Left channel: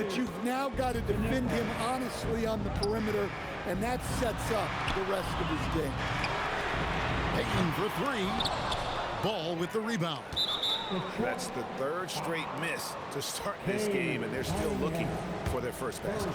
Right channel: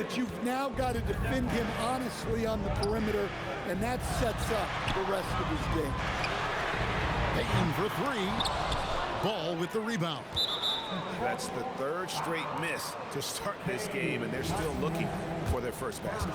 that you've now got to defend him honestly on the perimeter, and that sets up the rest of his game. Payton for three. Ball with the rebound. That's the third straight miss to start this game, and they're still looking for their first basket.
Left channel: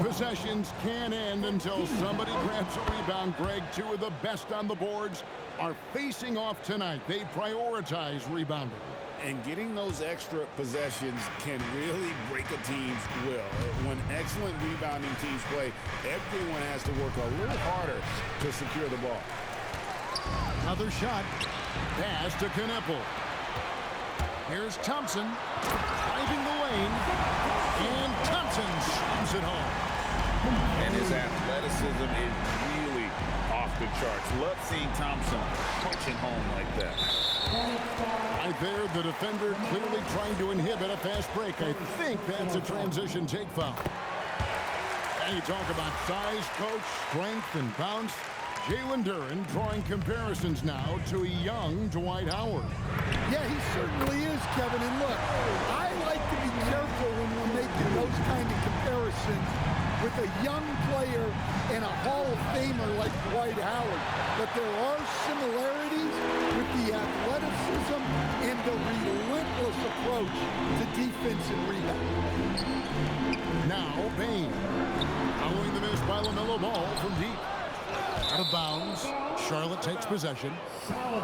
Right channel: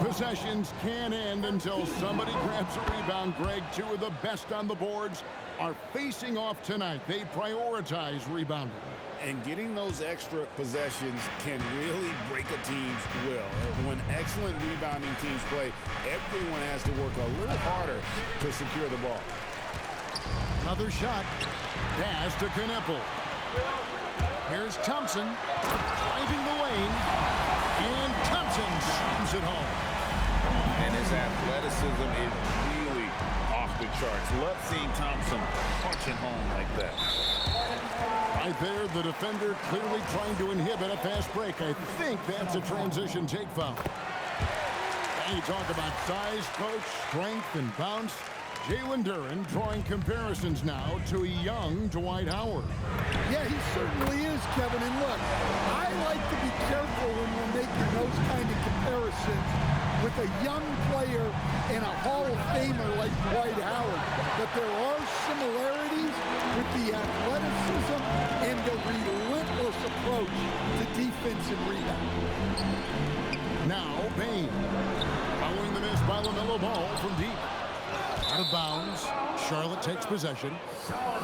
Possessions can't end until somebody grabs a rebound, Greg. Two of the best on the boards are facing off tonight. They prioritize rebounding. And getting those extra possessions can really break a team's will. When excellent rebounding teams play, everyone has to work a little harder to secure the ball. Another shot. Pass to Knueppel. Here's Thompson driving the lane, and Thompson slams it home. And his athleticism is really off the charts. Love seeing Thompson punching home like that. Right there, the defender clearly trying to inhibit a fast break. I think that's a transition take foul. And you talk about size, coach, strength, and bounce. Jalen Duren drawing comparisons now to a young Dwight Howard. Yeah, he certainly is, Kevin. And look, I like to be careful when we're making those kind of comparisons with a young player and a Hall of Famer like Dwight Howard. But there are similarities with the athleticism and the relentless approach to defense and rebound. Now, Bane. Following the miss by LaMelo Ball from deep. Out of bounds. Charlotte takes possession.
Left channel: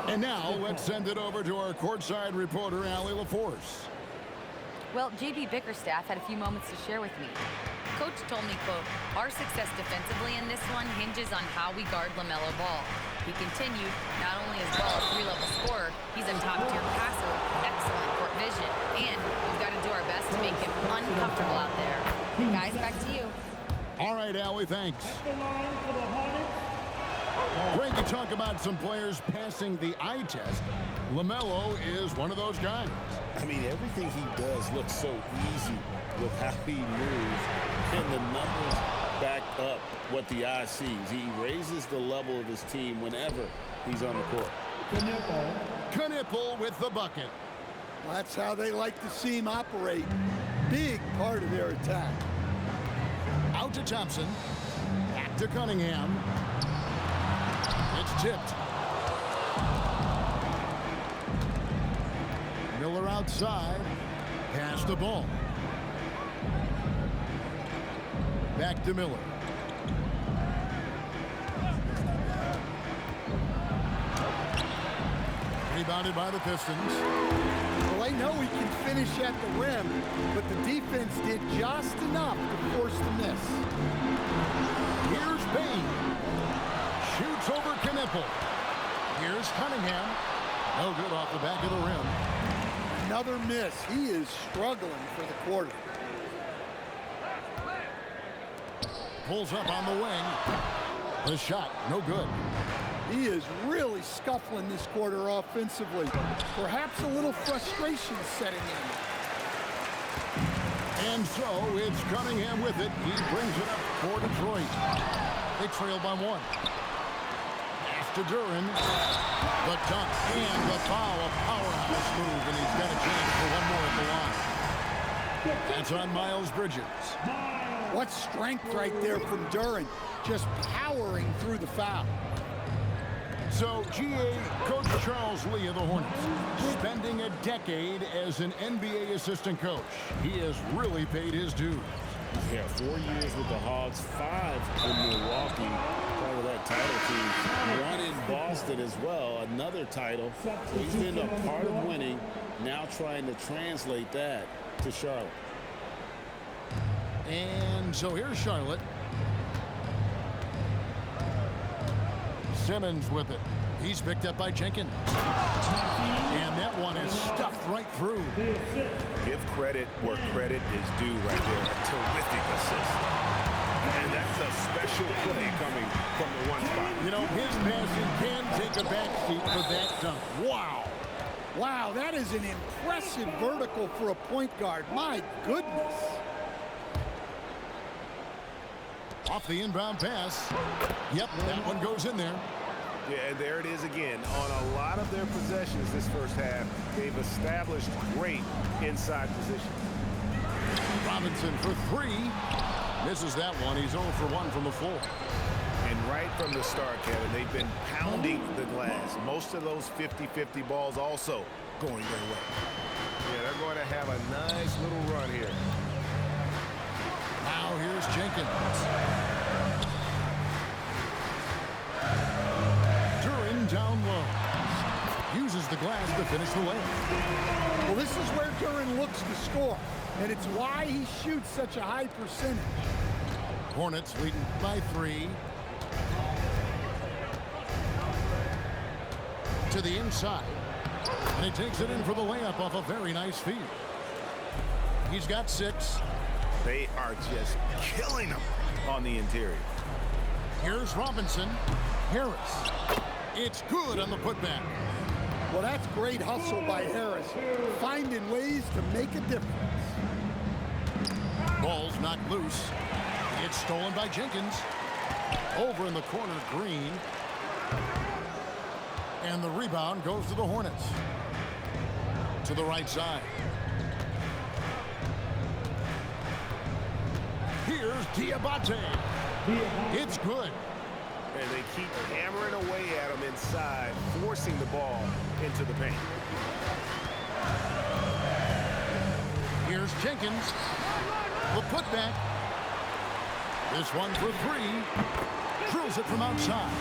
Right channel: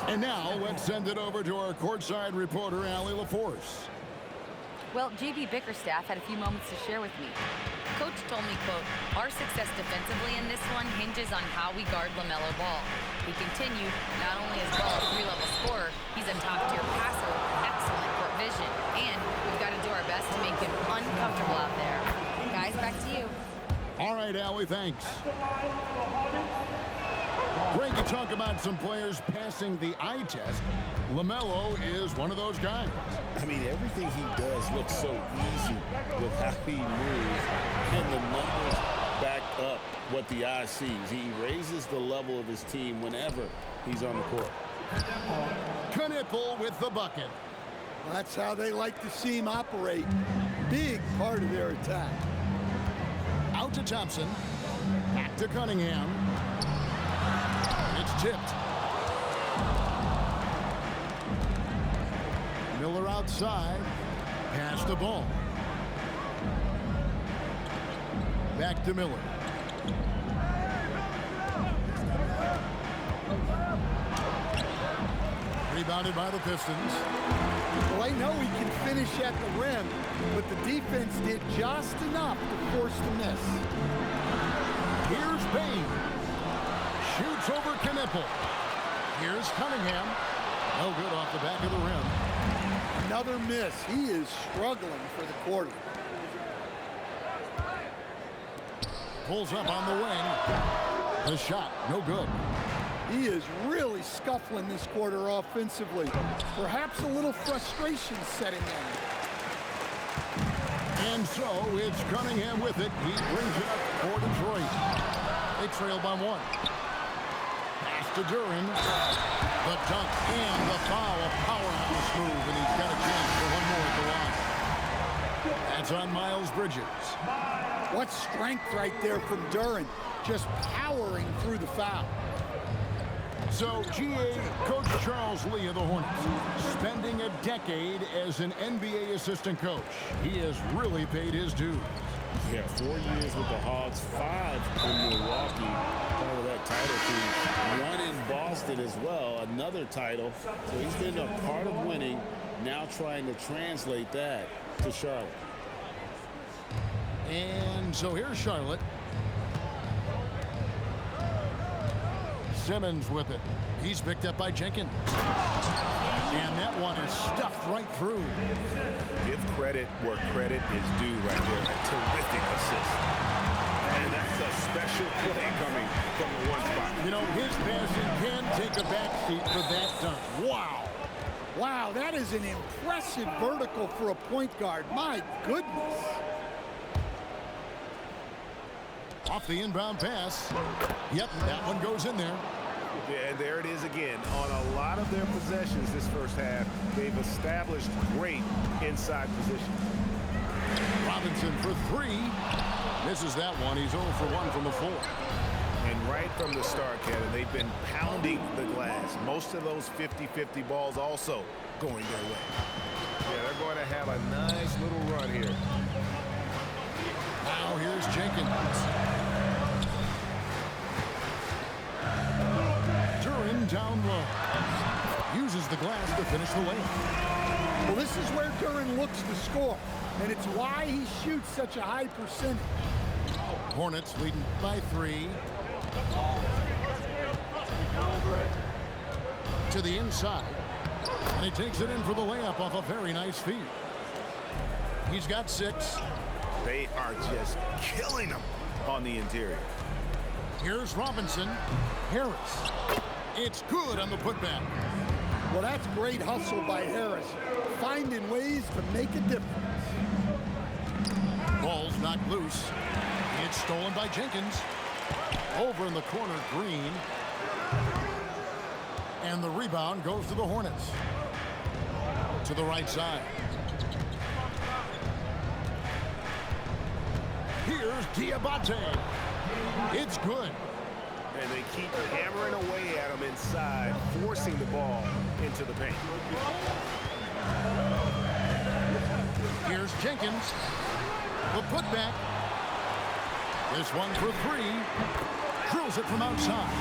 And now let's send it over to our courtside reporter, Allie LaForce. Well, J.B. Bickerstaff had a few moments to share with me. Coach told me, quote, "Our success defensively in this one hinges on how we guard LaMelo Ball." He continued, "Not only is Ball a three-level scorer, he's a top-tier passer with excellent court vision, and we've got to do our best to make him uncomfortable out there." Guys, back to you. All right, Allie, thanks. Greg, you talk about some players passing the eye test. LaMelo is one of those guys. I mean, everything he does looks so easy with how he moves, and the numbers back up what the eye sees. He raises the level of his team whenever he's on the court. Knueppel with the bucket. Well, that's how they like to see him operate. Big part of their attack. Out to Thompson. Back to Cunningham. It's tipped. Miller outside. Pass the ball. Back to Miller. Rebounded by the Pistons. Well, I know he can finish at the rim, but the defense did just enough to force the miss. Here's Payne. Shoots over Knueppel. Here's Cunningham. No good off the back of the rim. Another miss. He is struggling for the quarter. Pulls up on the wing. The shot, no good. He is really scuffling this quarter offensively. Perhaps a little frustration setting in. And so it's Cunningham with it. He brings it up for Detroit. They trail by one. Pass to Duren. The dunk and the foul. A powerhouse move, and he's got a chance for one more at the line. That's on Miles Bridges. What strength right there from Duren. Just powering through the foul. So, GA, Coach Charles Lee of the Hornets, spending a decade as an NBA assistant coach. He has really paid his dues. Yeah, 4 years with the Hogs, 5 in Milwaukee, part of that title team. 1 in Boston as well, another title. So he's been a part of winning, now trying to translate that to Charlotte. And so here's Charlotte. Simmons with it. He's picked up by Jenkins. And that one is stuffed right through. Give credit where credit is due right there. A terrific assist. And that's a special play coming from the one spot. You know, his passing can take a backseat for that dunk. Wow. Wow, that is an impressive vertical for a point guard. My goodness. Off the inbound pass. Yep, that one goes in there. Yeah, and there it is again. On a lot of their possessions this first half, they've established great inside position. Robinson for three. Misses that one. He's 0 for 1 from the floor. And right from the start, Kevin, they've been pounding the glass. Most of those 50-50 balls also going their way. Yeah, they're going to have a nice little run here. Now here's Jenkins. Duren down low. Uses the glass to finish the layup. Well, this is where Duren looks to score, and it's why he shoots such a high percentage. Hornets leading by 3. To the inside. And he takes it in for the layup off a very nice feed. He's got 6. They are just killing them on the interior. Here's Robinson. Harris. It's good on the putback. Well, that's great hustle by Harris, finding ways to make a difference. Ball's knocked loose. It's stolen by Jenkins. Over in the corner, Green. And the rebound goes to the Hornets. To the right side. Here's Diabate. It's good. And they keep hammering away at him inside, forcing the ball into the paint. Here's Jenkins. The putback. This one for 3. Drills it from outside.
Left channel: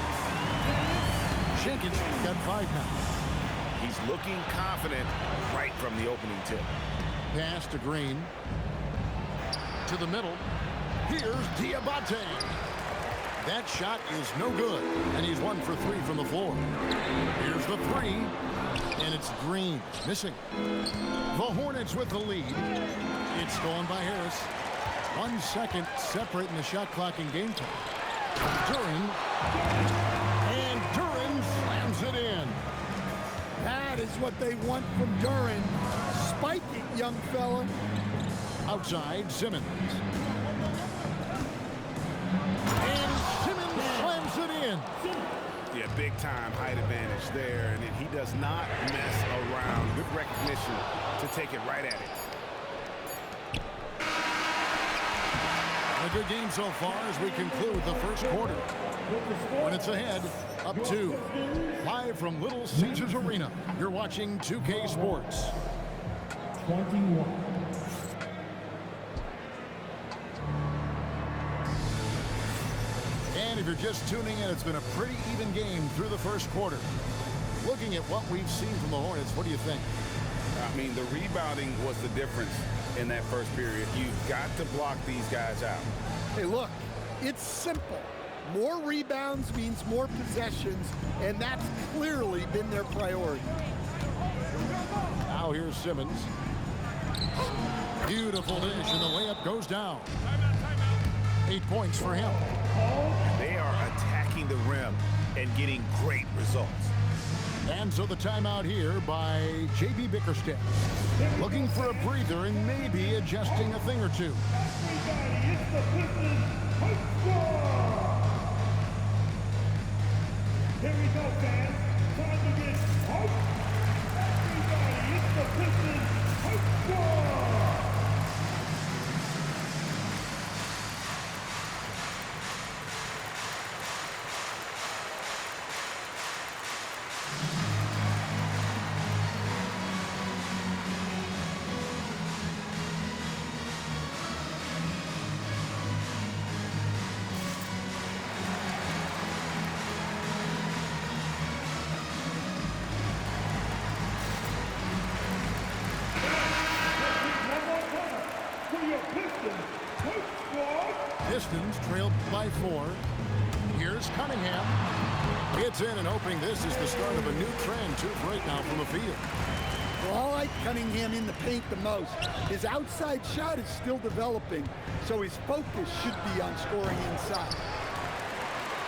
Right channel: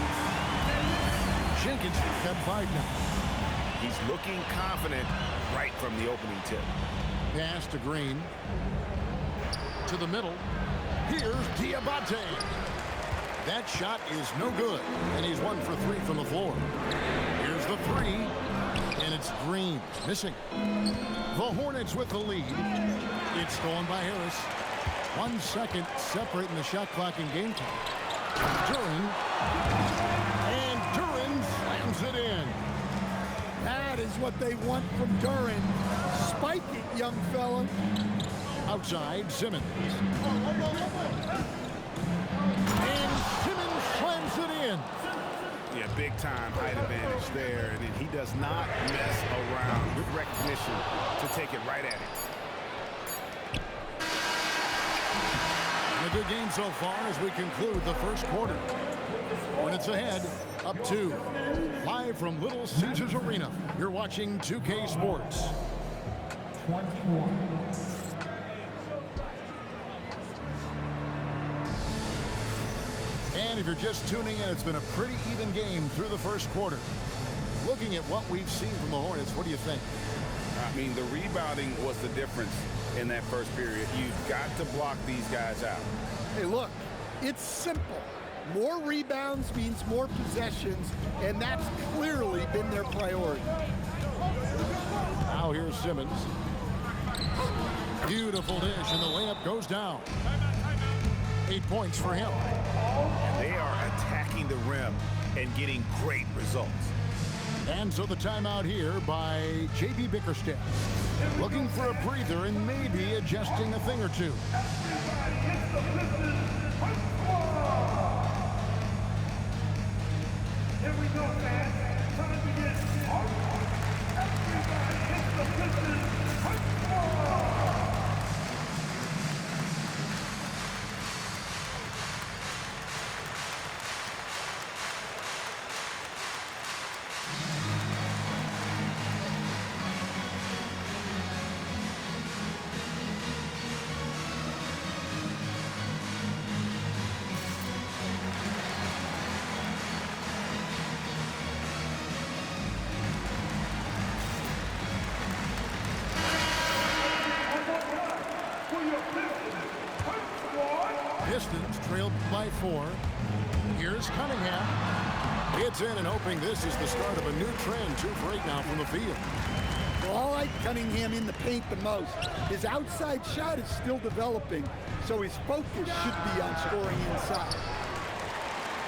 Jenkins got 5 now. He's looking confident right from the opening tip. Pass to Green. To the middle. Here's Diabate. That shot is no good, and he's 1 for 3 from the floor. Here's the 3, and it's Green missing. The Hornets with the lead. It's stolen by Harris. 1 second separating the shot clock and game time. Duren. And Duren slams it in. That is what they want from Duren. Spike it, young fella. Outside, Simmons. And Simmons slams it in. Yeah, big time height advantage there, and he does not mess around. Good recognition to take it right at it. A good game so far as we conclude the first quarter. Hornets ahead, up 2. Live from Little Caesars Arena, you're watching 2K Sports. 21. And if you're just tuning in, it's been a pretty even game through the first quarter. Looking at what we've seen from the Hornets, what do you think? I mean, the rebounding was the difference in that first period. You've got to block these guys out. Hey, look, it's simple. More rebounds means more possessions, and that's clearly been their priority. Now here's Simmons. Beautiful dish, and the layup goes down. 8 points for him. And they are attacking the rim and getting great results. And so the timeout here by J.B. Bickerstaff. Looking for a breather and maybe adjusting a thing or two. Everybody, it's the Pistons Hype Squad! Here we go, fans. Time to get hype. Everybody, it's the Pistons Hype Squad! Pistons trailed by 4. Here's Cunningham. It's in and hoping this is the start of a new trend. 2 for 8 now from the field. Well, I like Cunningham in the paint the most. His outside shot is still developing, so his focus should be on scoring inside.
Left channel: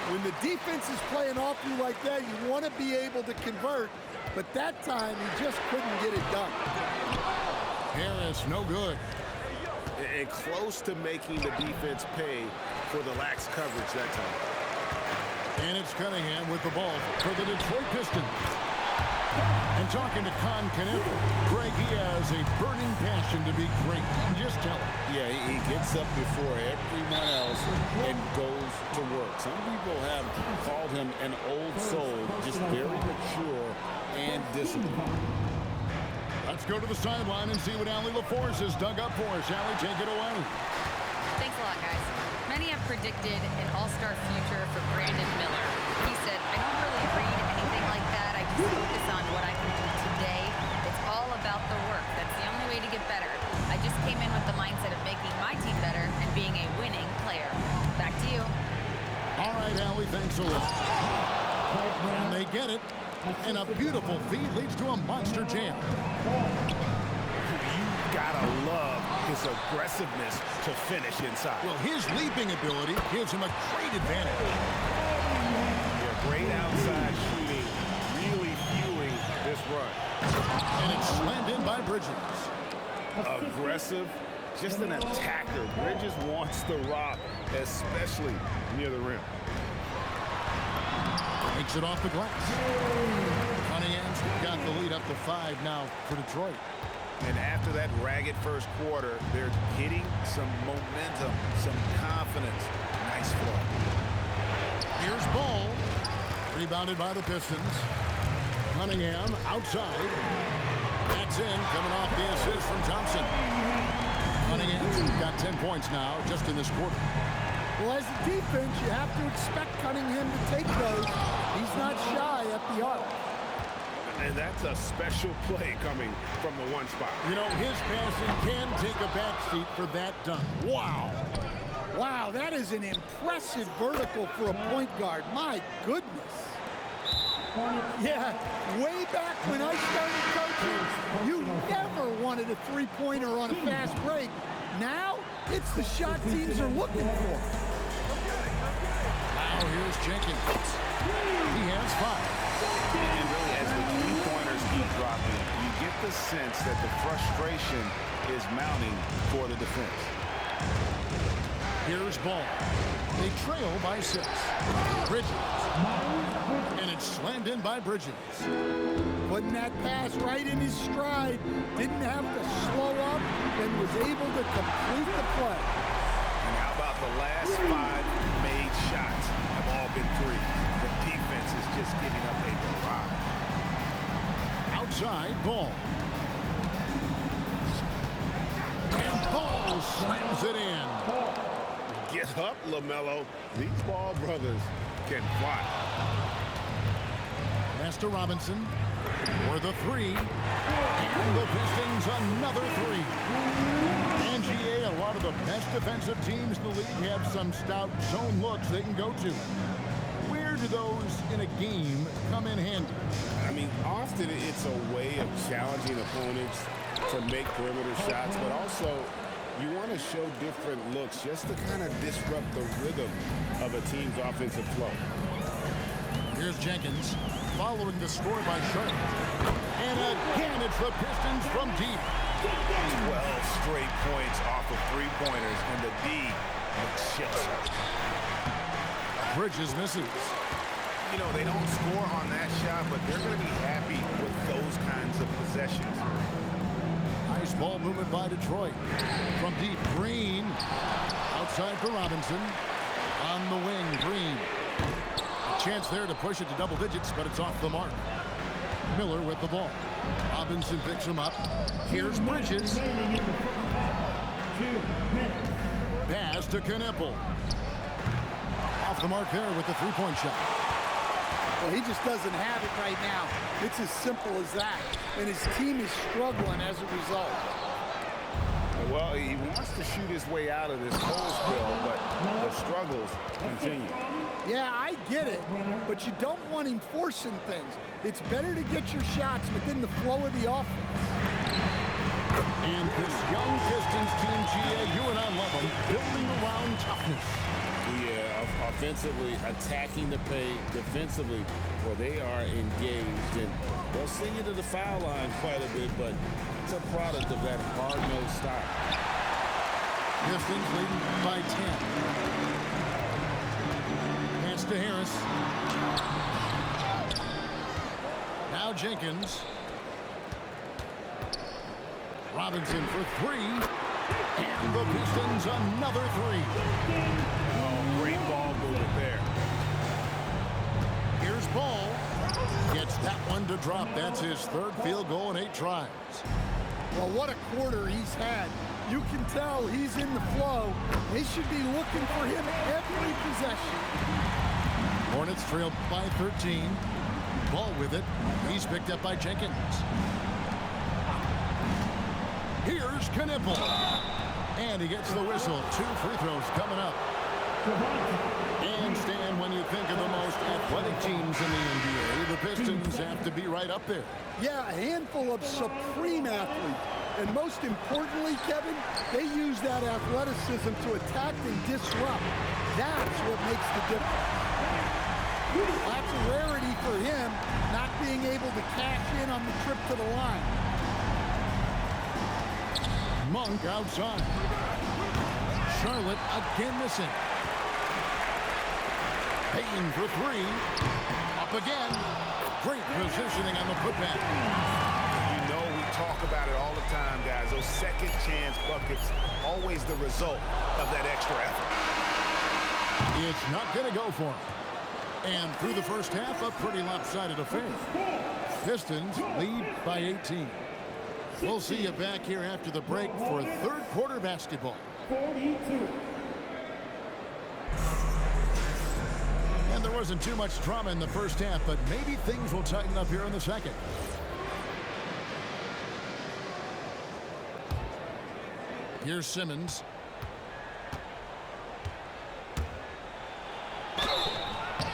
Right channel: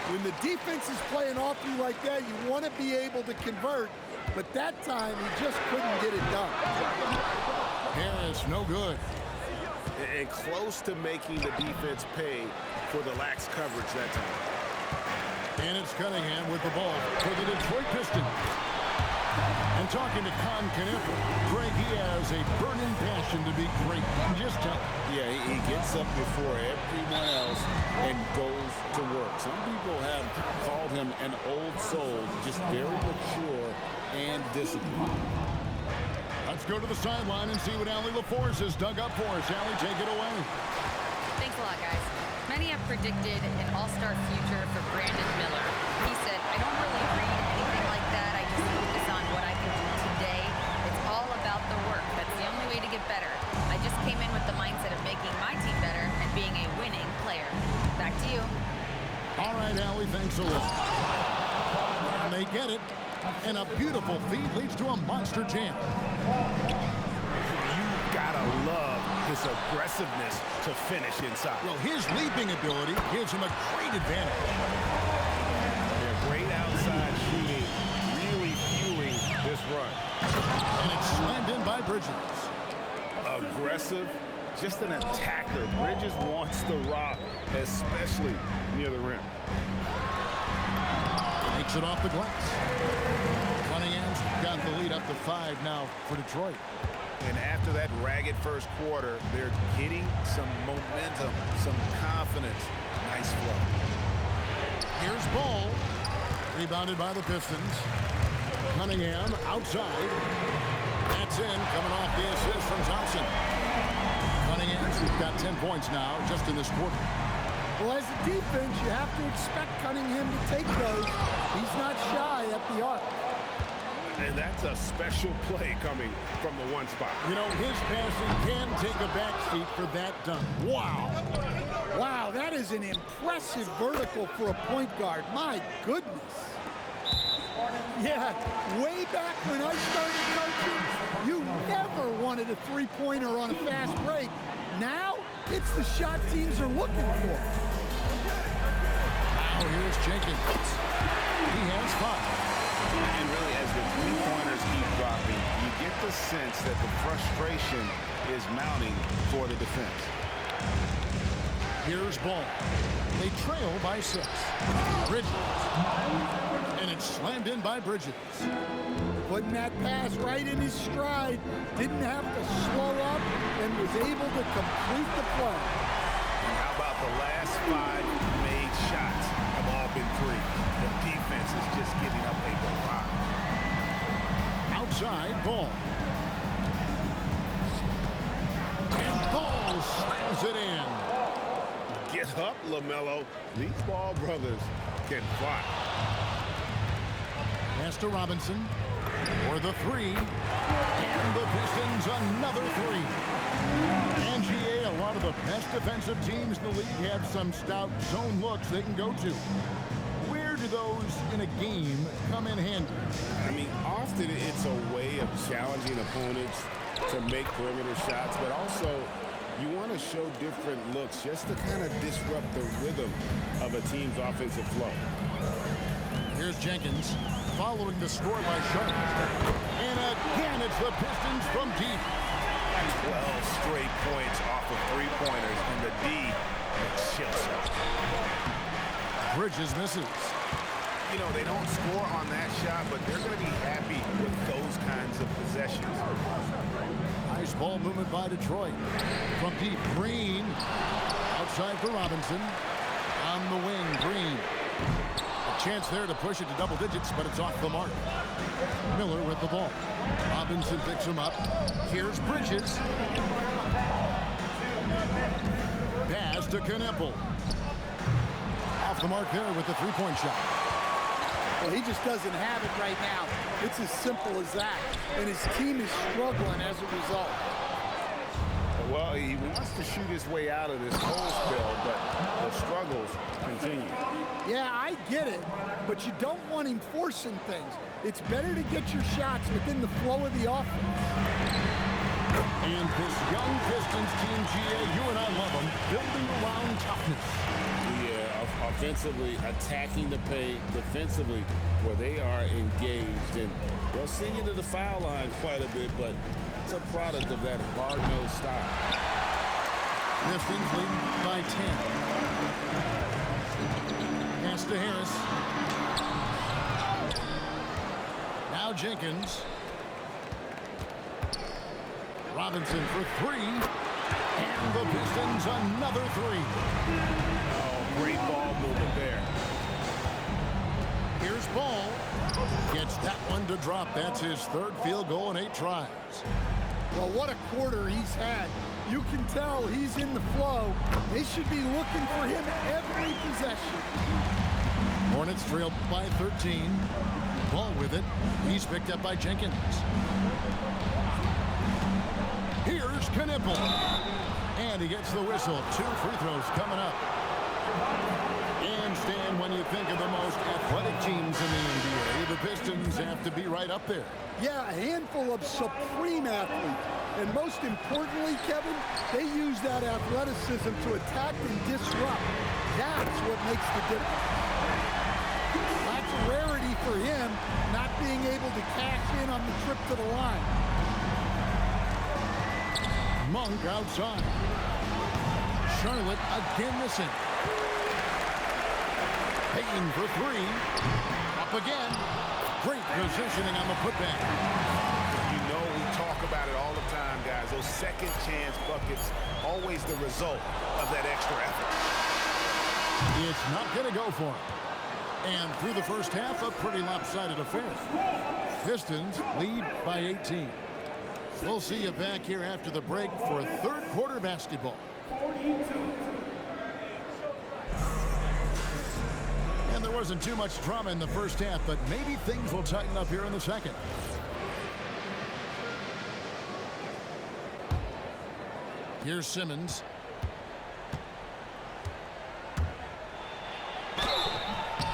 When the defense is playing off you like that, you want to be able to convert, but that time he just couldn't get it done. Harris, no good. And close to making the defense pay for the lax coverage that time. And it's Cunningham with the ball for the Detroit Pistons. And talking to Con Kniffel, Greg, he has a burning passion to be great. Just tell him. Yeah, he gets up before everyone else and goes to work. Some people have called him an old soul, just very mature and disciplined. Let's go to the sideline and see what Allie LaForce has dug up for us. Allie, take it away. Thanks a lot, guys. Many have predicted an all-star future for Brandon Miller. He said, I don't really read anything like that. I just focus on what I can do today. It's all about the work. That's the only way to get better. I just came in with the mindset of making my team better and being a winning player. Back to you. All right, Allie, thanks a lot. And they get it. And a beautiful feed leads to a monster jam. You gotta love his aggressiveness to finish inside. Well, his leaping ability gives him a great advantage. Yeah, great outside shooting, really fueling this run. And it's slammed in by Bridges. Aggressive, just an attacker. Bridges wants the rock, especially near the rim. Takes it off the glass. Cunningham's got the lead up to 5 now for Detroit. And after that ragged first quarter, they're getting some momentum, some confidence. Nice flow. Here's Ball. Rebounded by the Pistons. Cunningham outside. That's in, coming off the assist from Thompson. Cunningham's got 10 points now just in this quarter. Well, as a defense, you have to expect Cunningham to take those. He's not shy at the arc. And that's a special play coming from the one spot. You know, his passing can take a backseat for that dunk. Wow. Wow, that is an impressive vertical for a point guard. My goodness. Yeah, way back when I started coaching, you never wanted a three-pointer on a fast break. Now, it's the shot teams are looking for. Now here's Jenkins. He has 5. And really, as the three-pointers keep dropping, you get the sense that the frustration is mounting for the defense. Here's Ball. They trail by 6. Bridges. And it's slammed in by Bridges. Putting that pass right in his stride. Didn't have to slow up and was able to complete the play. And how about the last 5 made shots have all been threes? The defense is just giving up a barrage. Outside, Ball. And Ball slams it in. Get up, LaMelo. These Ball brothers can fly. Pass to Robinson for the 3. And the Pistons another 3. And GA, a lot of the best defensive teams in the league have some stout zone looks they can go to. Where do those in a game come in handy? I mean, often it's a way of challenging opponents to make perimeter shots, but also you want to show different looks just to kind of disrupt the rhythm of a team's offensive flow. Here's Jenkins following the score by Sharp. And again, it's the Pistons from deep. 12 straight points off of three-pointers, and the D looks shell-shocked. Bridges misses. You know, they don't score on that shot, but they're going to be happy with those kinds of possessions. Nice ball movement by Detroit. From deep, Green. Outside for Robinson. On the wing, Green. A chance there to push it to double digits, but it's off the mark. Miller with the ball. Robinson picks him up. Here's Bridges. Pass to Kniffel. Off the mark there with the three-point shot. Well, he just doesn't have it right now. It's as simple as that. And his team is struggling as a result. Well, he wants to shoot his way out of this cold spell, but the struggles continue. Yeah, I get it, but you don't want him forcing things. It's better to get your shots within the flow of the offense. And this young Pistons team, GA, you and I love them, building around toughness. Yeah, offensively, attacking the paint, defensively, where they are engaged. And they'll send you to the foul line quite a bit, but it's a product of that hard-nosed style. Pistons leading by 10. Pass to Harris. Now Jenkins. Robinson for three. And the Pistons another three. Oh, great ball movement there. Here's Ball. Gets that one to drop. That's his third field goal in 8 tries. Well, what a quarter he's had. You can tell he's in the flow. They should be looking for him every possession. Hornets trail by 13. Ball with it. He's picked up by Jenkins. Here's Knipple. And he gets the whistle. 2 free throws coming up. And Stan, when you think of the most athletic teams in the NBA, the Pistons have to be right up there. Yeah, a handful of supreme athletes. And most importantly, Kevin, they use that athleticism to attack and disrupt. That's what makes the difference. That's a rarity for him, not being able to cash in on the trip to the line. Monk outside. Charlotte again missing. Payton for three. Up again. Great positioning on the putback. You know we talk about it all the time, guys. Those second chance buckets, always the result of that extra effort. It's not going to go for him. And through the first half, a pretty lopsided affair. Pistons lead by 18. We'll see you back here after the break for third quarter basketball. 42. And there wasn't too much drama in the first half, but maybe things will tighten up here in the second. Here's Simmons.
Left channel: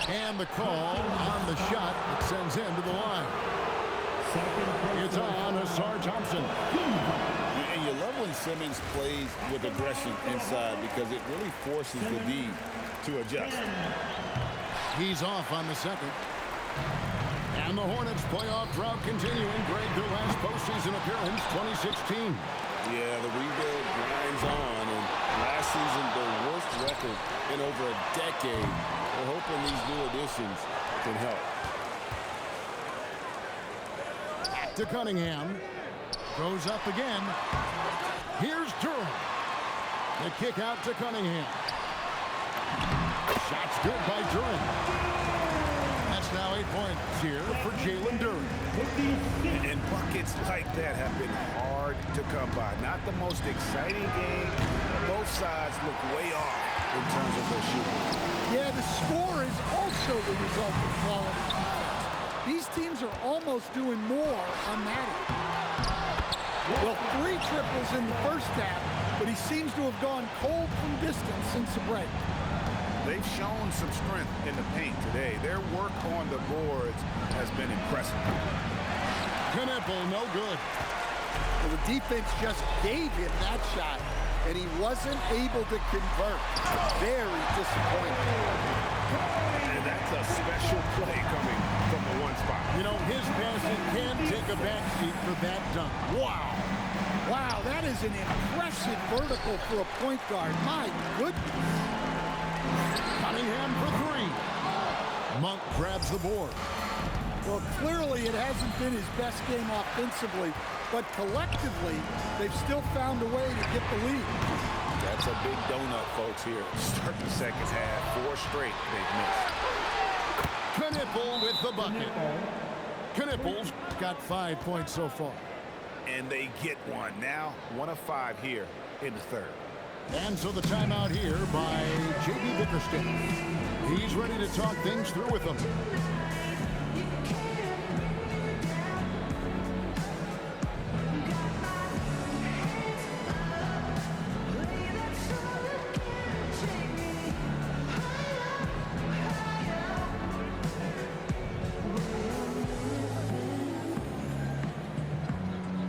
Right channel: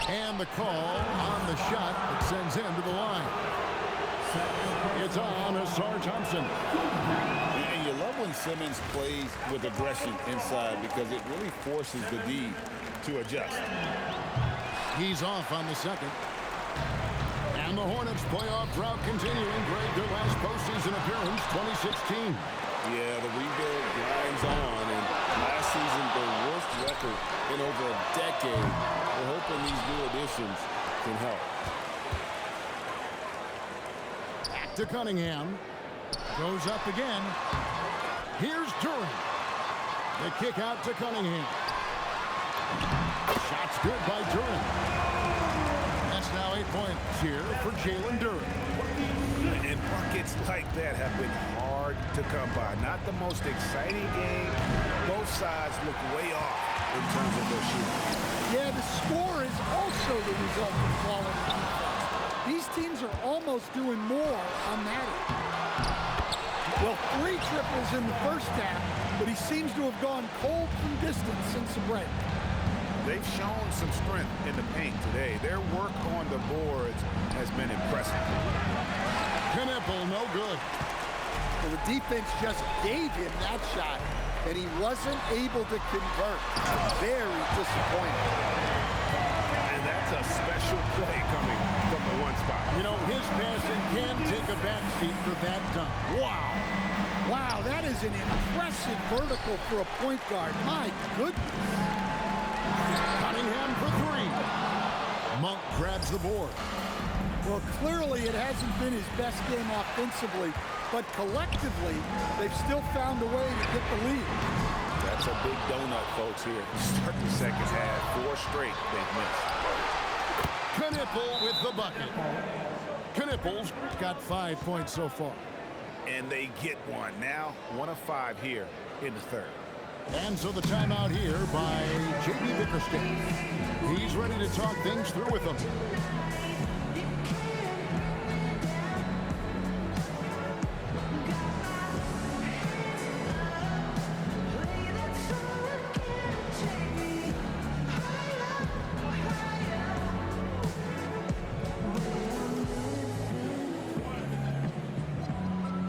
And the call on the shot that sends him to the line. It's on Ausar Thompson. And you love when Simmons plays with aggression inside because it really forces the D to adjust. He's off on the second. And the Hornets playoff drought continuing. Greg, their last postseason appearance, 2016. Yeah, the rebuild grinds on, and last season their worst record in over a decade. We're hoping these new additions can help. Back to Cunningham. Goes up again. Here's Duren. The kick out to Cunningham. Shot's good by Duren. That's now 8 points here for Jalen Duren. And buckets like that have been hard to come by. Not the most exciting game. Both sides look way off in terms of their shooting. Yeah, the score is also the result of quality defense. These teams are almost doing more on that end. Well, 3 triples in the first half, but he seems to have gone cold from distance since the break. They've shown some strength in the paint today. Their work on the boards has been impressive. Knipple, no good. Well, the defense just gave him that shot, and he wasn't able to convert. Very disappointing. And that's a special play coming from the one spot. You know, his passing can take a backseat for that dunk. Wow. Wow, that is an impressive vertical for a point guard. My goodness. Cunningham for 3. Monk grabs the board. Well, clearly it hasn't been his best game offensively, but collectively, they've still found a way to get the lead. That's a big donut, folks, here. Start the second half. 4 straight they've missed. Knipple with the bucket. Knipple's got 5 points so far. And they get one. Now, 1 of 5 here in the third. And so the timeout here by J.B. Bickerstaff. He's ready to talk things through with them.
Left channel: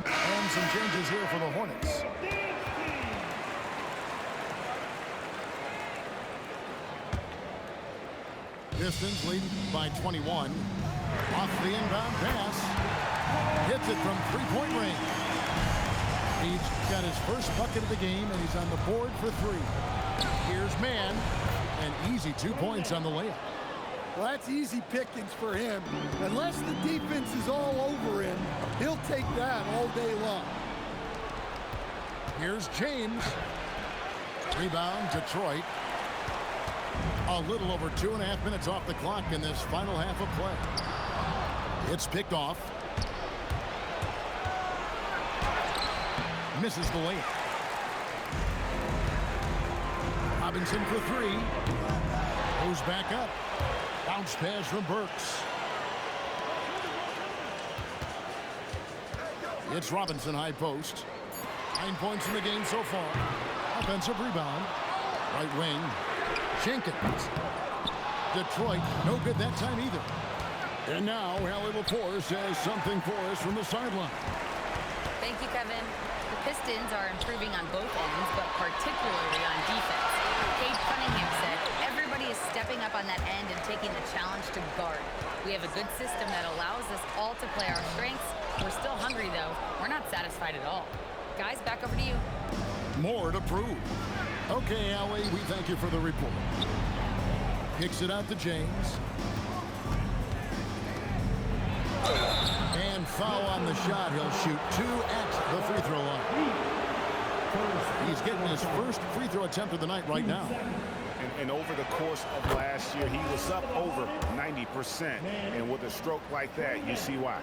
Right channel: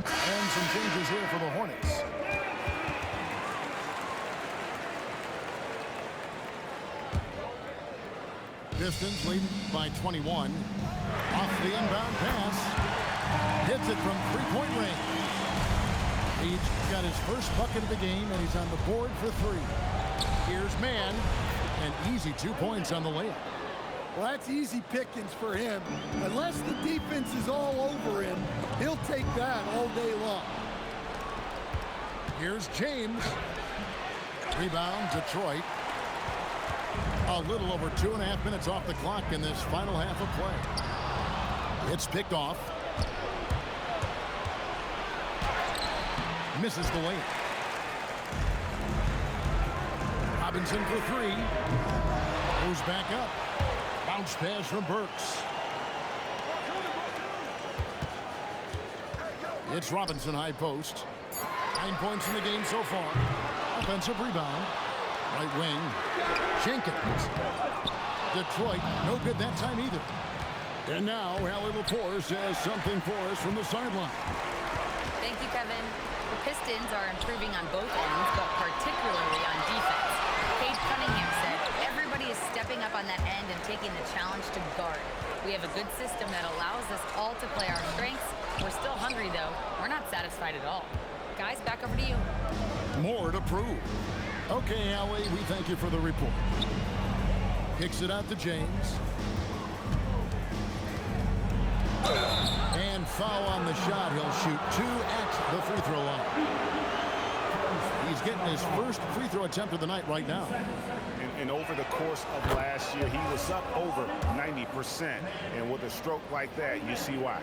And some changes here for the Hornets. Pistons lead by 21. Off the inbound pass. Hits it from three-point range. He's got his first bucket of the game, and he's on the board for 3. Here's Mann. An easy 2 points on the layup. Well, that's easy pickings for him. Unless the defense is all over him, he'll take that all day long. Here's James. Rebound, Detroit. A little over 2.5 minutes off the clock in this final half of play. It's picked off. Misses the layup. Robinson for three. Goes back up. Bounce pass from Burks. It's Robinson high post. 9 points in the game so far. Offensive rebound. Right wing. Jenkins. Detroit, no good that time either. And now, Allie LaForce has something for us from the sideline. Thank you, Kevin. The Pistons are improving on both ends, but particularly on defense. Cade Cunningham said, everybody is stepping up on that end and taking the challenge to guard. We have a good system that allows us all to play our strengths. We're still hungry, though. We're not satisfied at all. Guys, back over to you. More to prove. Okay, Allie, we thank you for the report. Kicks it out to James. And foul on the shot. He'll shoot 2 at the free throw line. He's getting his first free throw attempt of the night right now. And over the course of last year, he was up over 90%. And with a stroke like that, you see why.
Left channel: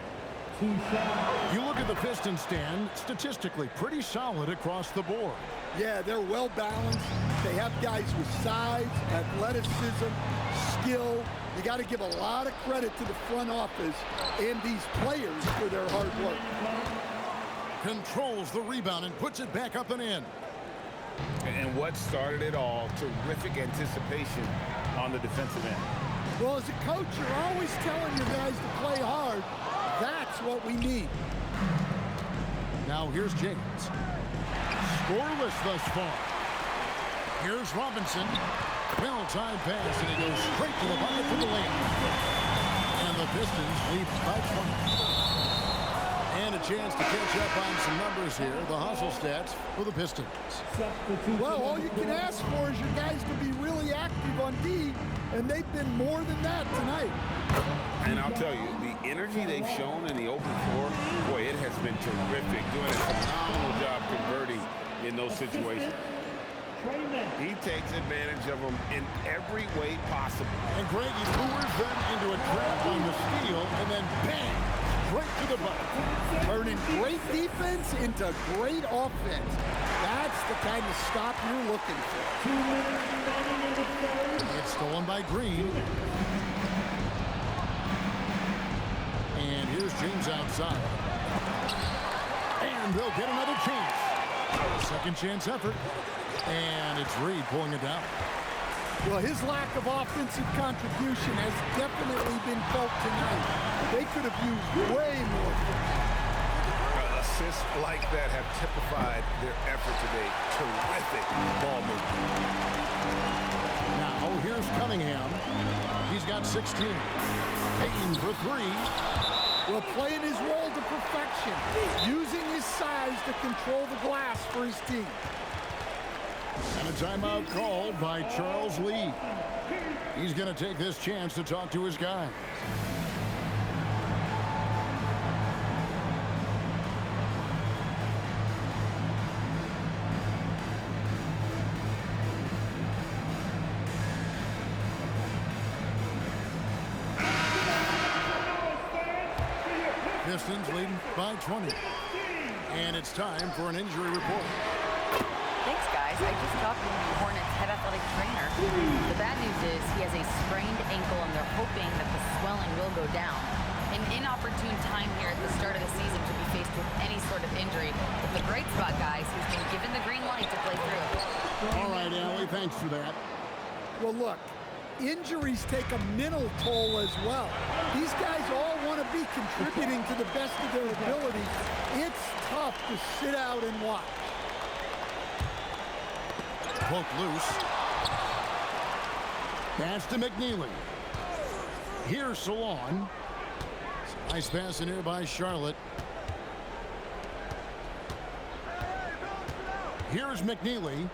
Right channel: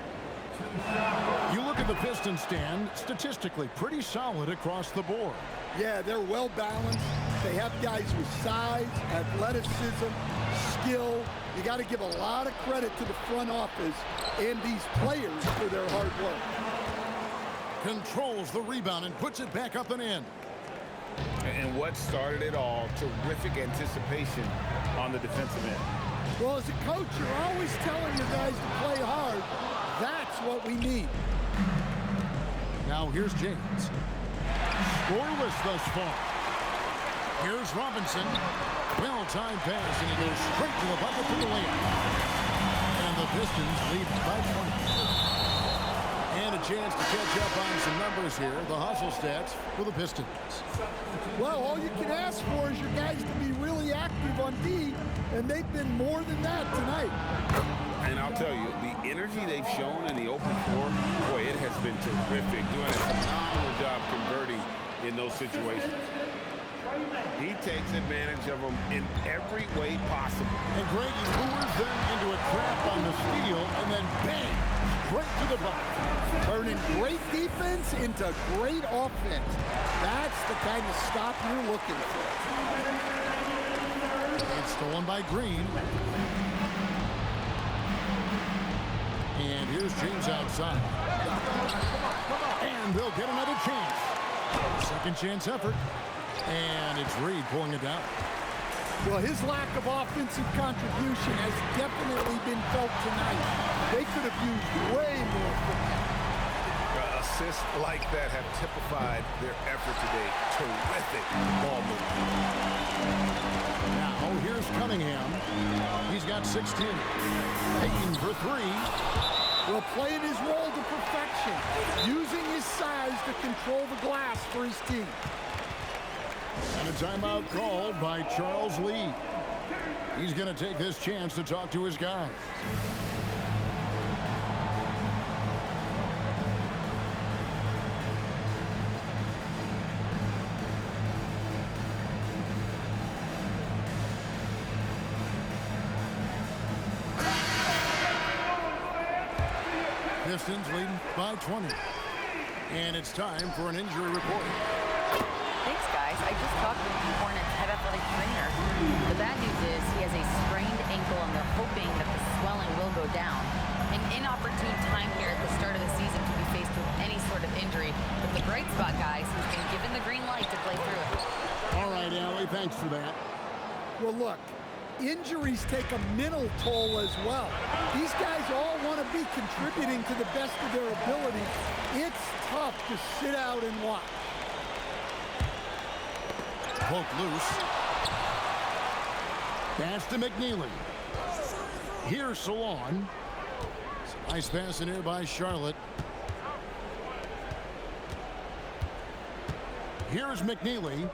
You look at the Pistons stand, statistically pretty solid across the board. Yeah, they're well balanced. They have guys with size, athleticism, skill. You got to give a lot of credit to the front office and these players for their hard work. Controls the rebound and puts it back up and in. And what started it all, terrific anticipation on the defensive end. Well, as a coach, you're always telling your guys to play hard. That's what we need. Now here's James. Scoreless thus far. Here's Robinson. Well-timed pass, and he goes straight to the bucket for the layup. And the Pistons lead by 20. And a chance to catch up on some numbers here. The hustle stats for the Pistons. Well, all you can ask for is your guys to be really active on D, and they've been more than that tonight. And I'll tell you, the energy they've shown in the open floor, boy, it has been terrific. Doing a phenomenal job converting in those situations. He takes advantage of them in every way possible. And Greg, he lures them into a trap on the steal, and then bang, straight to the bucket. Turning great defense into great offense. That's the kind of stop you're looking for. It's stolen by Green. And here's James outside. And they'll get another chance. Second chance effort. And it's Reed pulling it down. Well, his lack of offensive contribution has definitely been felt tonight. They could have used way more from him. Assists like that have typified their effort today. Terrific ball movement. Now here's Cunningham. He's got 16. Payton for three. Well, playing his role to perfection. Using his size to control the glass for his team. And a timeout called by Charles Lee. He's going to take this chance to talk to his guys. Pistons leading by 20. And it's time for an injury report. Thanks, guys. I just talked with the Hornets head athletic trainer. The bad news is he has a sprained ankle, and they're hoping that the swelling will go down. An inopportune time here at the start of the season to be faced with any sort of injury. But the bright spot, guys, who's been given the green light to play through it. All right, Allie, thanks for that. Well, look, injuries take a mental toll as well. These guys all want to be contributing to the best of their ability. It's tough to sit out and watch. Poke loose. Pass to McNeely. Here's Salon. Nice pass in here by Charlotte. Here's McNeely.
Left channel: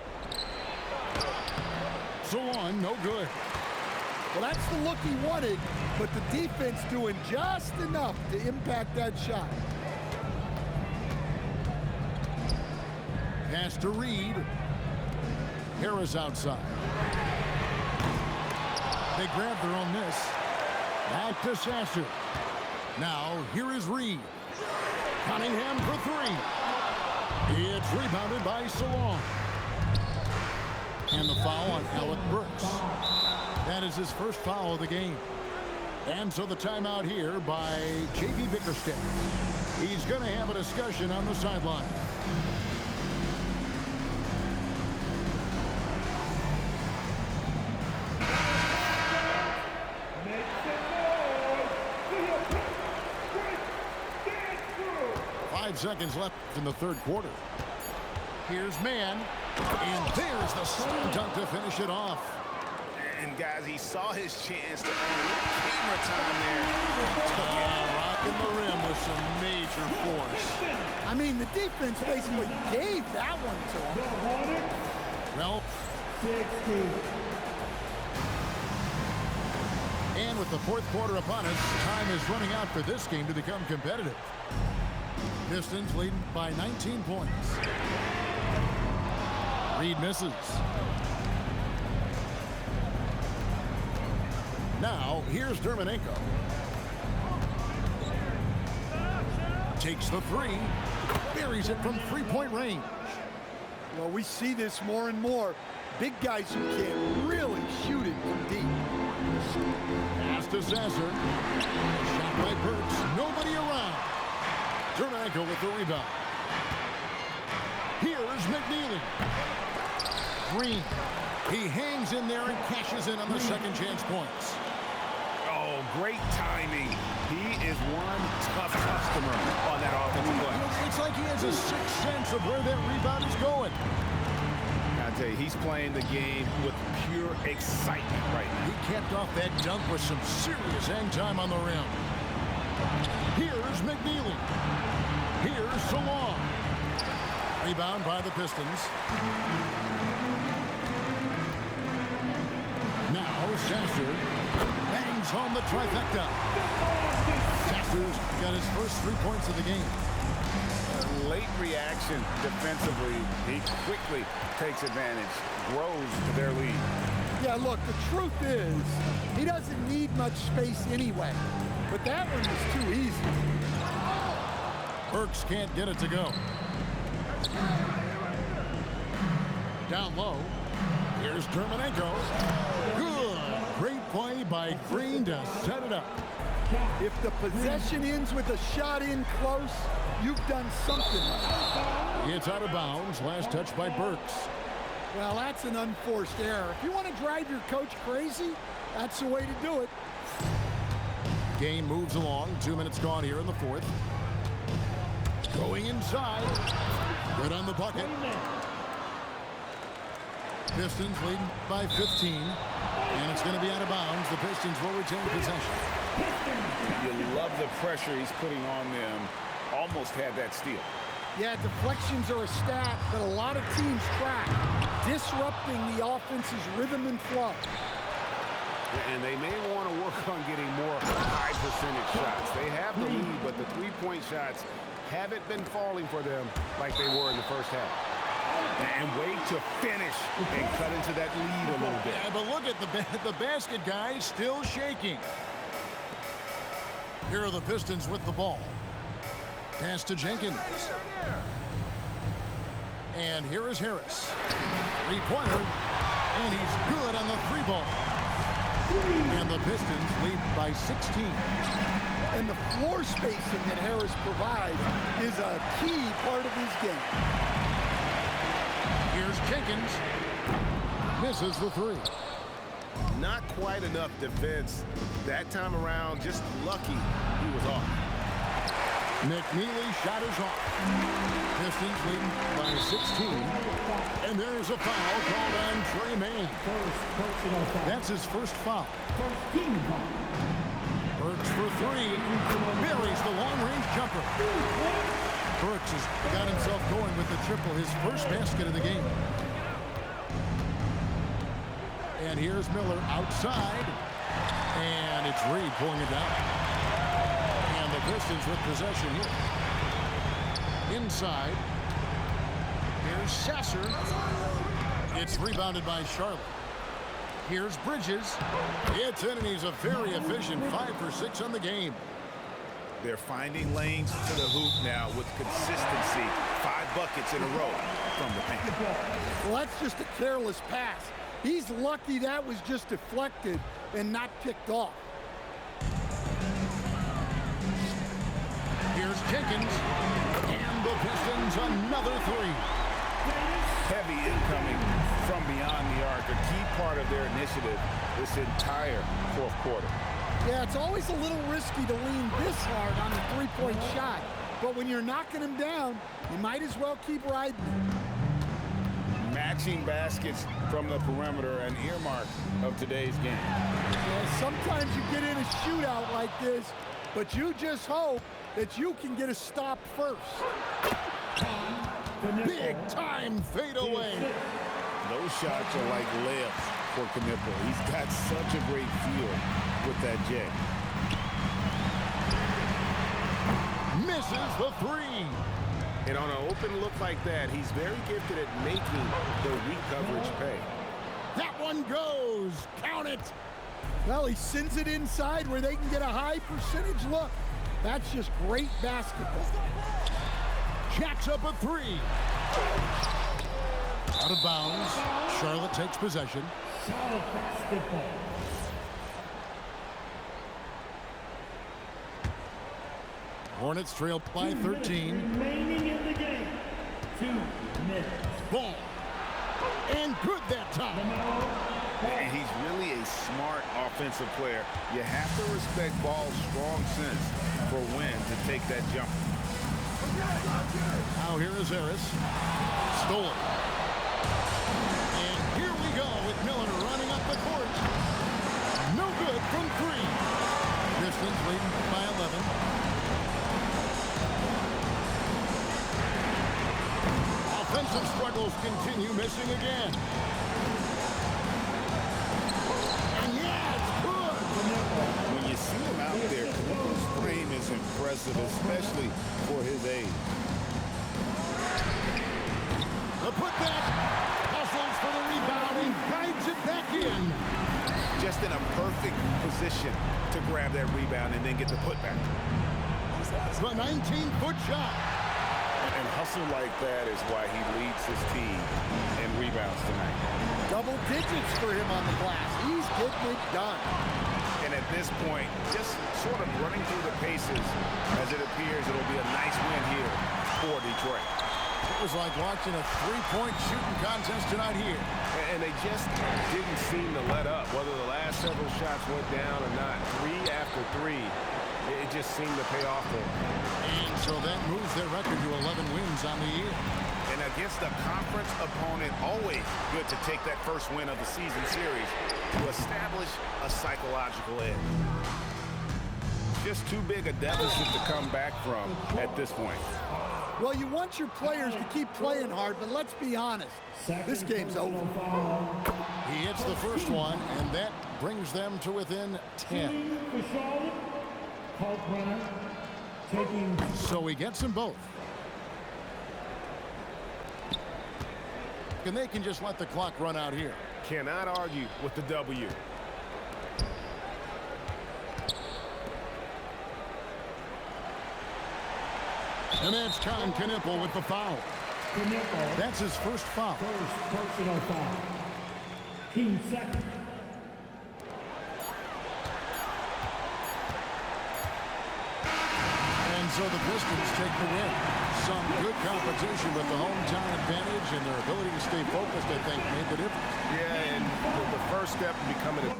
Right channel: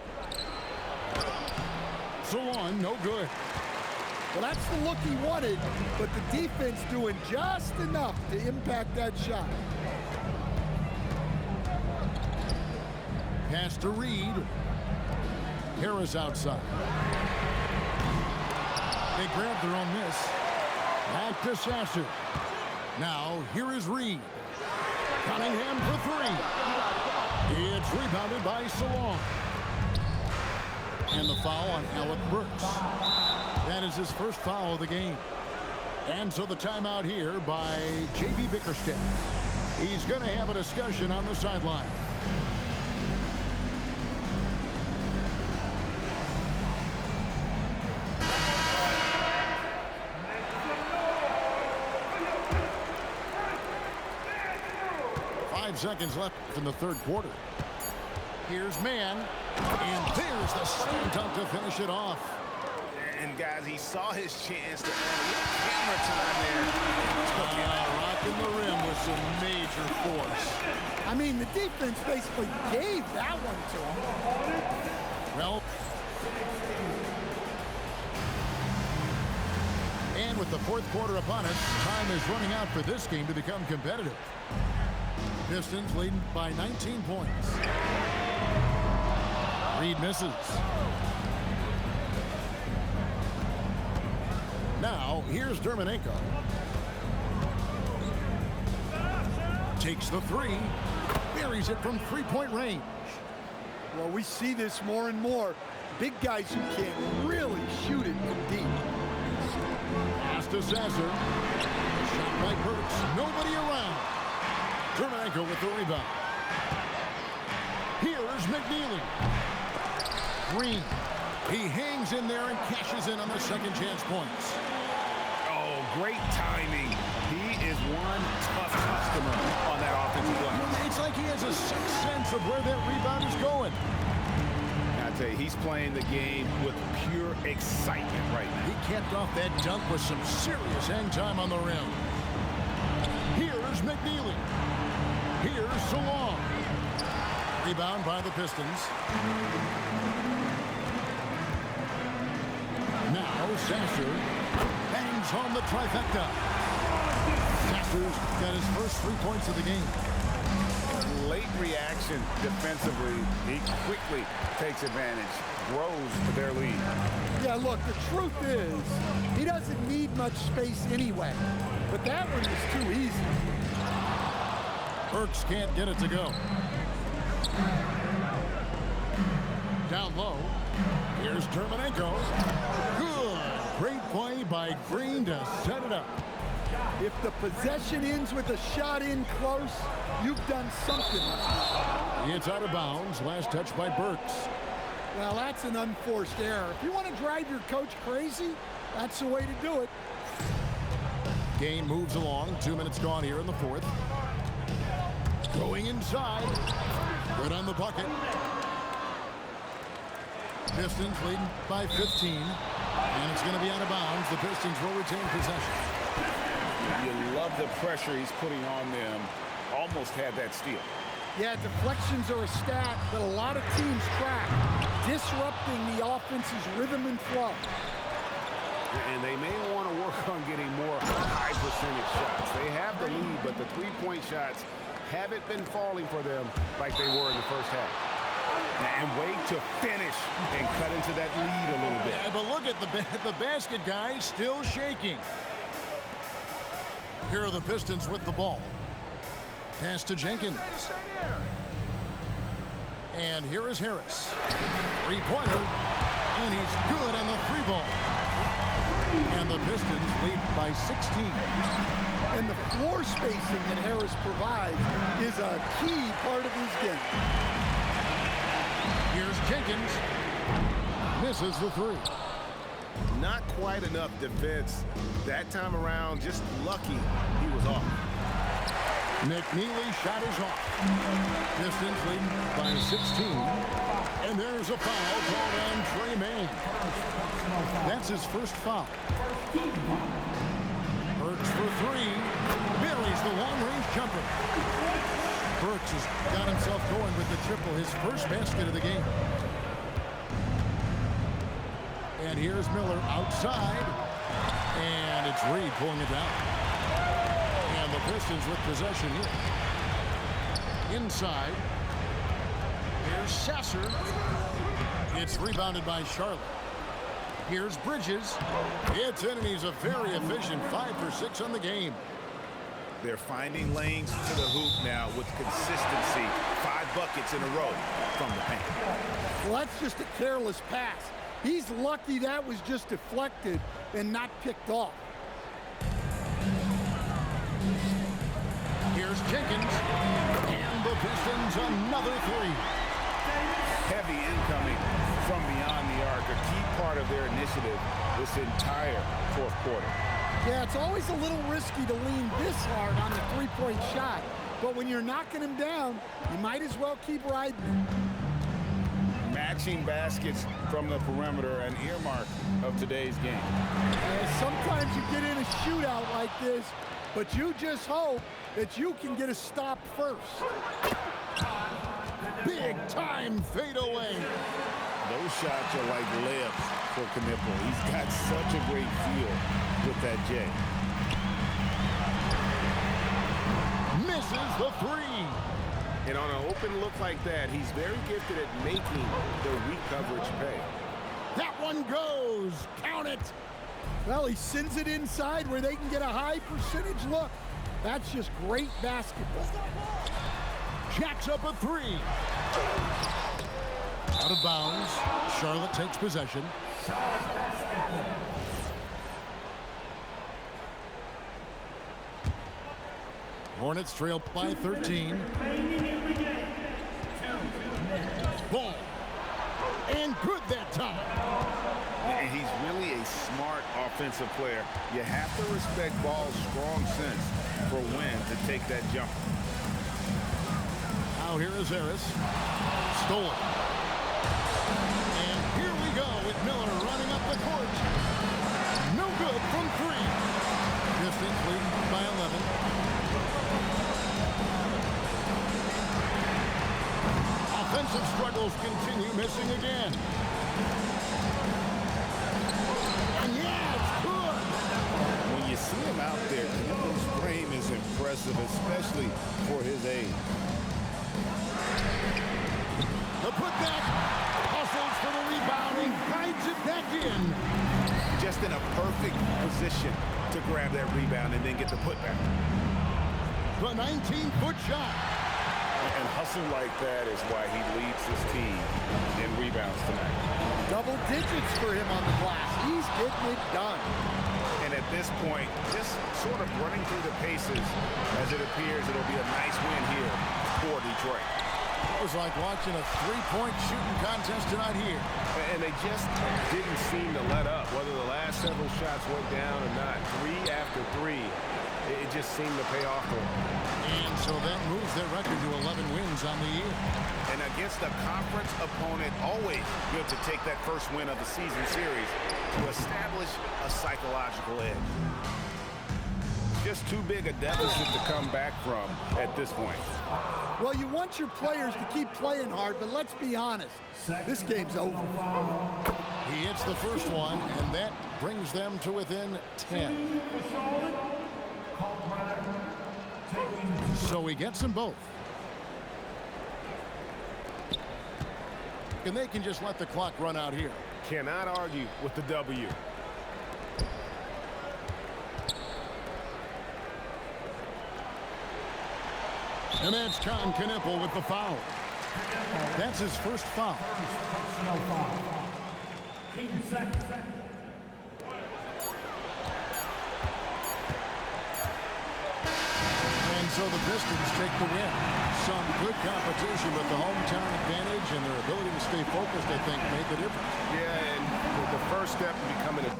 Salon, no good. Well, that's the look he wanted, but the defense doing just enough to impact that shot. Pass to Reed. Harris outside. They grab their own miss. Back to Sasser. Now, here is Reed. Cunningham for three. It's rebounded by Salon. And the foul on Alec Burks. That is his first foul of the game. And so the timeout here by J.B. Bickerstaff. He's going to have a discussion on the sideline. Make some noise for your Pittsburgh dance crew. 5 seconds left in the third quarter. Here's Mann. And there's the slam dunk to finish it off. And guys, he saw his chance to earn a little camera time there. Rocking the rim with some major force. I mean, the defense basically gave that one to him. Well, and with the fourth quarter upon us, time is running out for this game to become competitive. Pistons leading by 19 points. Reed misses. Now, here's Dermanenko. Takes the three. Buries it from three-point range. Well, we see this more and more. Big guys who can really shoot it from deep. Pass to Sasser. A shot by Burks. Nobody around. Dermanenko with the rebound. Here's McNeely. Green. He hangs in there and cashes in on the second chance points. Oh, great timing. He is one tough customer on that offensive glass. It's like he has a sixth sense of where that rebound is going. I tell you, he's playing the game with pure excitement right now. He capped off that dunk with some serious hang time on the rim. Here's McNeely. Here's Salon. Rebound by the Pistons. Now Sasser bangs home the trifecta. Sasser's got his first 3 points of the game. Late reaction defensively. He quickly takes advantage, grows to their lead. Yeah, look, the truth is, he doesn't need much space anyway. But that one was too easy. Burks can't get it to go. Down low. Here's Dermanenko. Good. Great play by Green to set it up. If the possession ends with a shot in close, you've done something right. It's out of bounds. Last touch by Burks. Well, that's an unforced error. If you want to drive your coach crazy, that's the way to do it. Game moves along. 2 minutes gone here in the fourth. Going inside. Good on the bucket. Pistons leading by 15. And it's going to be out of bounds. The Pistons will retain possession. You love the pressure he's putting on them. Almost had that steal. Yeah, deflections are a stat that a lot of teams track, disrupting the offense's rhythm and flow. And they may want to work on getting more high percentage shots. They have the lead, but the three-point shots haven't been falling for them like they were in the first half. And wait to finish and cut into that lead a little bit. Yeah, but look at the basket guy still shaking. Here are the Pistons with the ball. Pass to Jenkins. And here is Harris. Three-pointer. And he's good on the three ball. And the Pistons lead by 16. And the floor spacing that Harris provides is a key part of his game. Here's Jenkins. Misses the three. Not quite enough defense. That time around, just lucky he was off. McNeely shot is off. Pistons leading by 16. And there's a foul called on Tre Mann. That's his first foul. Burks for three. Buries the long-range jumper. Burks has got himself going with the triple, his first basket of the game. And here's Miller outside. And it's Reed pulling it down. And the Pistons with possession here. Inside. Here's Sasser. It's rebounded by Charlotte. Here's Bridges. It's in, and he's a very efficient 5 for 6 on the game. They're finding lanes to the hoop now with consistency. 5 buckets in a row from the paint. Well, that's just a careless pass. He's lucky that was just deflected and not picked off. Here's Jenkins. And the Pistons another 3. Heavy incoming from beyond the arc, a key part of their initiative this entire fourth quarter. Yeah, it's always a little risky to lean this hard on the three-point shot. But when you're knocking him down, you might as well keep riding him. Matching baskets from the perimeter, an earmark of today's game. Yeah, sometimes you get in a shootout like this, but you just hope that you can get a stop first. Big time fadeaway. Those shots are like layups for Knipple. He's got such a great feel with that J. Misses the 3. And on an open look like that, he's very gifted at making the weak coverage pay. That one goes. Count it. Well, he sends it inside where they can get a high percentage look. That's just great basketball. Jacks up a 3. Out of bounds. Charlotte takes possession. Hornets trail by 13. Remaining in the game. 2 minutes. Ball. And good that time. And he's really a smart offensive player. You have to respect Ball's strong sense for when to take that jumper. Now here is Harris. Stolen. And here we go with Miller running up the court. No good from 3. Pistons leading by 11. Offensive struggles continue, missing again. And yeah, it's good. When you see him out there, Knipple's frame is impressive, especially for his age. The putback. Hustles for the rebound and guides it back in. Just in a perfect position to grab that rebound and then get the putback. The 19-foot shot. And hustle like that is why he leads his team in rebounds tonight. Double digits for him on the glass. He's getting it done. And at this point, just sort of running through the paces as it appears it'll be a nice win here for Detroit. It was like watching a three-point shooting contest tonight here. And they just didn't seem to let up. Whether the last several shots went down or not, 3 after 3, it just seemed to pay off for them. And so that moves their record to 11 wins on the year. And against a conference opponent, always good to take that first win of the season series to establish a psychological edge. Just too big a deficit to come back from at this point. Well, you want your players to keep playing hard, but let's be honest. This game's over. He hits the first one, and that brings them to within 10. So he gets them both. And they can just let the clock run out here. Cannot argue with the W. And that's Con Knipple with the foul. That's his first foul. First personal foul. Team second. And so the Pistons take the win. Some good competition, but the hometown advantage and their ability to stay focused, I think, made the difference. Yeah, and the first step in becoming a